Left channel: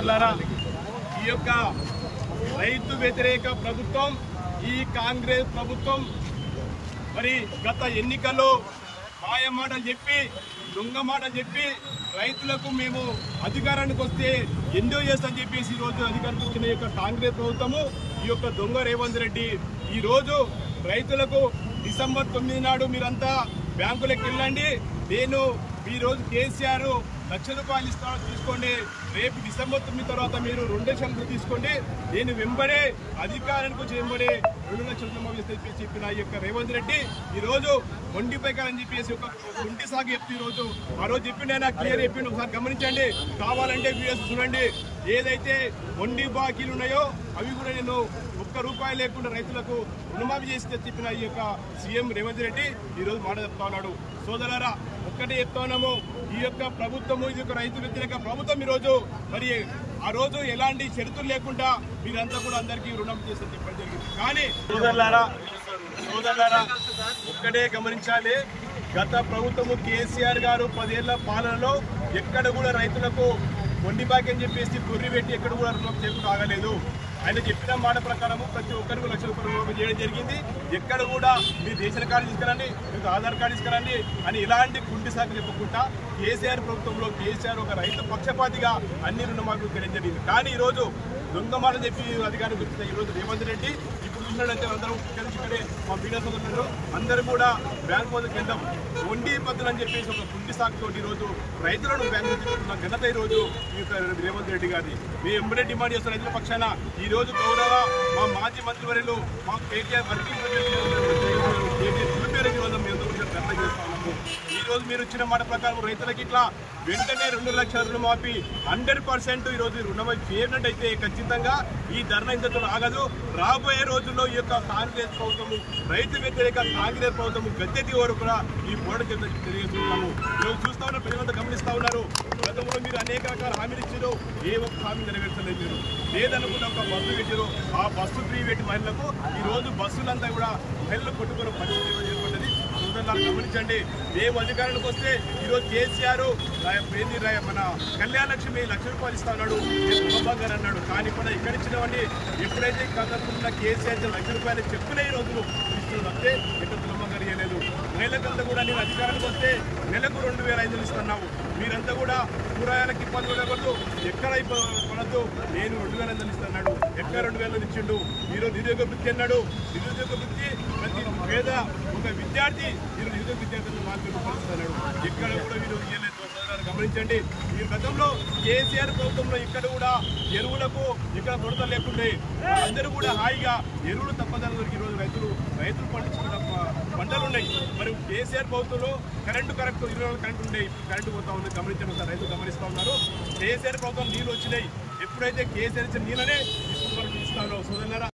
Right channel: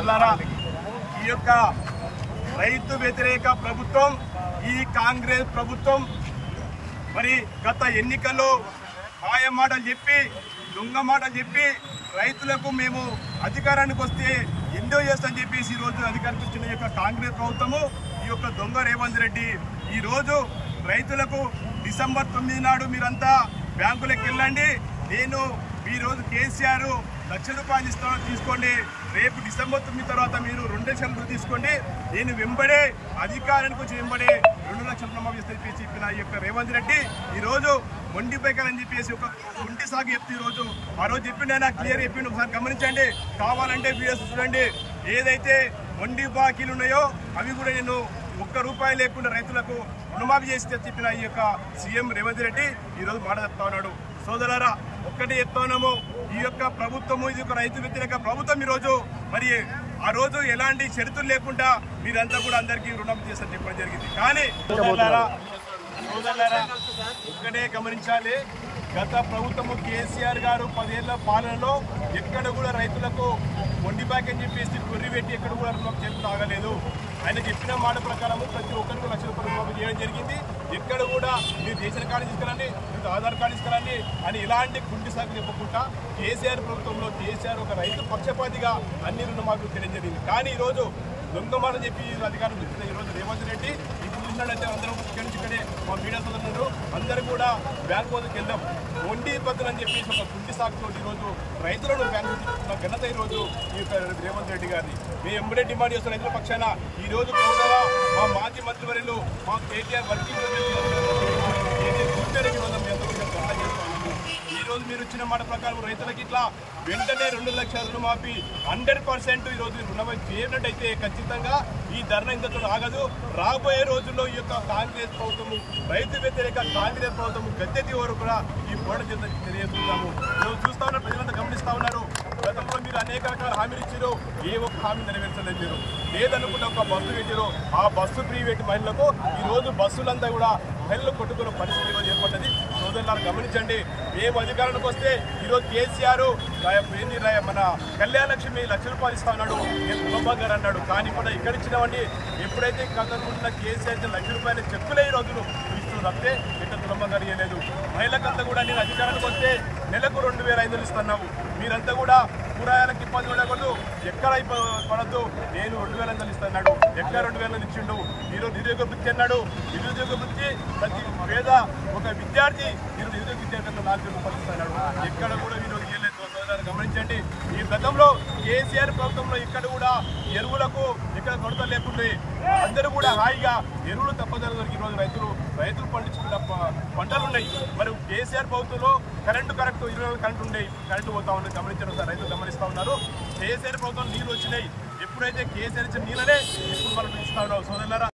సోదరులారా, ఈ యొక్క రైతు వ్యతిరేక ప్రభుత్వం, ఈ కాంగ్రెస్ ప్రభుత్వం మరి గత ఎన్నికల్లో మాయ మాటలు చెప్పి, దొంగ మాటలు చెప్పి రైతులకు మేము అధికారానికి వస్తే ఎన్నో చేస్తామని చెప్పేసి ఈరోజు అధికారానికి వచ్చిన యొక్క కాంగ్రెస్ ప్రభుత్వము, ఈ యొక్క దొంగ రేవంత్ రెడ్డి ఈరోజు రైతులకు డిసెంబర్ 9 నాడు మీరంతా బ్యాంకులకు వెళ్ళండి, నేను ఈరోజు కేసీఆర్ ₹1,00,000 ఇస్తాను తీసుకోండి, రేపు డిసెంబర్ 9 తర్వాత మీరు 2 లక్షలు తీసుకోండి, నేను వెంబడే అధికారానికి వచ్చి వెంబడే 2 లక్షల రుణమాఫీ చెప్పిన ఈ యొక్క రేవంత్ రెడ్డి ఈరోజు మొండిపోయాలని చెప్పేసి ఒక కుంటి సాగు చెప్తే ఈరోజు ఆ రోజు చెప్పిండు, ఆయన క్లియర్ చెప్పిండు. ఒకసారి గమనించండి, కావాలంటే వీడియోస్ చూడండి. ఏదైతే మొండి బాకీలు ఉన్నాయో అవి కూడా నేను ₹1 లేకుండా రైతులకు రుణమాఫీ చేసి చెప్పిన ఈ యొక్క సీఎం రేవంత్ రెడ్డి ఈరోజు మాట చెప్తా ఉన్నాడు. సోదరులారా, ఒక్కటే చెప్తా ఉన్నాము, ఈ యొక్క ప్రభుత్వము ఇది ఒక రైతు వ్యతిరేక ప్రభుత్వం. ఈరోజు మరి ఆ రోజు ఎలాంటి షరతులు లేకుండా మీరంతా కూడా అందరికీ రుణమాఫీ చేస్తారని చెప్పడం జరిగింది. కానీ సోదరులారా ఒక్కటే గమనించాలి, గత ప్రభుత్వము కేసీఆర్ గారు 10 ఏళ్ల పాలనలో ఎక్కడ కూడా రైతులకు మొండి బాకీ అని చెప్పేసి కొర్రి పెట్టి ఎక్కడ కూడా రుణమాఫీ చేయకుండా ఆగలేదు. ఆయన చెప్పిన మాట ప్రకారము ప్రతి ఒక్కరికి ₹1,00,000 రుణమాఫీ చేయడం జరిగింది. ఎక్కడ కూడా మీరు రేషన్ కార్డు తీసుకురండి, మీకు ఆధార్ కార్డు తీసుకురండి అని ఇలాంటి కుంటి సాకు చెప్పకుండా కేసీఆర్ ప్రభుత్వంలో కేసీఆర్ ఒక రైతు పక్షపాతిగా అన్ని రుణమాఫీలు చేయడం జరిగింది. కానీ ఈరోజు దొంగ మాట చెప్పి అధికారానికి వచ్చిన ఈరోజు రేవంత్ రెడ్డి ఇప్పుడు చూసినట్లయితే అందరం ఇక్కడి నుంచి ఇక్కడే మా మీడియా సోదరులు అందరూ కూడా బ్యాంకు వద్దకు వెళ్దాం, వండి పద్ధతులు అని చెప్పేసి ఒక కుంటి సాకుతో ఈరోజు రైతులను బ్యాంకు తీసుకున్న ఘనత ఈరోజు ఈ రేవంత్ రెడ్డి గారిని మేము ఎంబడే డిమాండ్ చేస్తున్న రైతుల పక్షాన ఈరోజు గౌరవ మా మాజీ మంత్రివర్యులు మా కేటీఆర్ వర్కింగ్ కేటీఆర్ చూపేరకి ఈరోజు మీ అందరూ ధర్నా చేస్తా ఉన్నాము. ఈరోజు మీరు ఇచ్చిన మాట ప్రకారం రైతులకి ఇట్లా వెంటనే 2 లక్షల రుణమాఫీ 100% ఈరోజు రుణమాఫీ చేయనట్టయితే ఖచ్చితంగా ఈ ధర్నా ఇంతతో ఆగదు. రాబోయే రోజుల్లో ఈ యొక్క కాంగ్రెస్ ప్రభుత్వము రైతు వ్యతిరేక కాంగ్రెస్ ప్రభుత్వము గద్దెది వరకు కూడా ఈ పోరాటం తెలియజేస్తున్నాము. ఈరోజు చూస్తా ఉన్న ప్రజలంతా గమనిస్తా ఉన్నారు, గతంలో మీరు అనేక రకాల హామీలు ఇచ్చారు, ఏ ఒక్క హామీ నెరవేర్చలేదు. మీరు లేదనుకుంటే ఒక బస్సు పెట్టారు, ఆ బస్సు ఫ్రీ పెట్టి మహిళలకు ఈరోజు బస్సులంతా కూడా మహిళలు కొట్టుకునే పరిస్థితి ఈరోజు ఏర్పడ్డది. సోదరులు గమనించండి, మేము అధికారానికి వస్తే ఈరోజు కేసీఆర్ మన కళ్యాణ లక్ష్మి ₹1,00,000 ఇస్తా ఉన్నాడు, ప్రభాకర్ గారు అన్నాడు. కానీ ఇప్పుడు ఇక్కడ ఇచ్చినవన్నీ ఎప్పుడైతే కదనుకున్న కేసీఆర్ ₹1,00,000 చెక్కులే ఈ రోజులు ఇస్తున్నారు తప్పితే ఇక్కడ ప్రభాకర్ ఇవ్వలేదు. మహిళకంతా కూడా నేను అధికారానికి వస్తే నెలకు 2,500 ఇస్తున్నాము, మీరంతా కూడా కూరగాయలకు ఇబ్బంది పడకూడదు, ఎక్కడ పడద్దు, నేను 2,500 ఇస్తున్నాడు. ఎక్కడ 2,000 ఇచ్చిండు. ఈరోజు నిరుద్యోగ వృత్తి అన్నాడు, నిరుద్యోగ వృత్తి ప్రతి పేద ఒక విద్యార్థి ఈరోజు నిరుద్యోగ విద్యార్థి ₹4,000 ఇస్తున్నాడు. ఎక్కడ కూడా ఈరోజు ఇవ్వలేదు. సోదరులు గమనించండి, ఈ గతంలో కేసీఆర్ ప్రభుత్వంలో ఇక్కడ కూడా ఎరువులకు ఇక్కడ కొరత లేకుండా అందరూ కూడా హాయిగా ఎరువులు తప్పదని దొరికి ఈరోజు రైతులు పండించుకున్న పంటలు ఉన్నాయి. మరి కేసీఆర్ ప్రభుత్వంలో కరెంటు 24 కరెంటు ఉండే, ఇప్పుడు కరెంటు పోతా ఉన్నది. గమనించడం సార్, రైతులు గమనిస్తా ఉన్నారు. కేసీఆర్ ప్రభుత్వం నీళ్ళు వచ్చినాయి, ఎప్పుడైతే కేసీఆర్ ఇచ్చిన నీళ్ళనే ఇప్పుడు మనం ఇస్తా ఉన్నాం. సోదరులారా,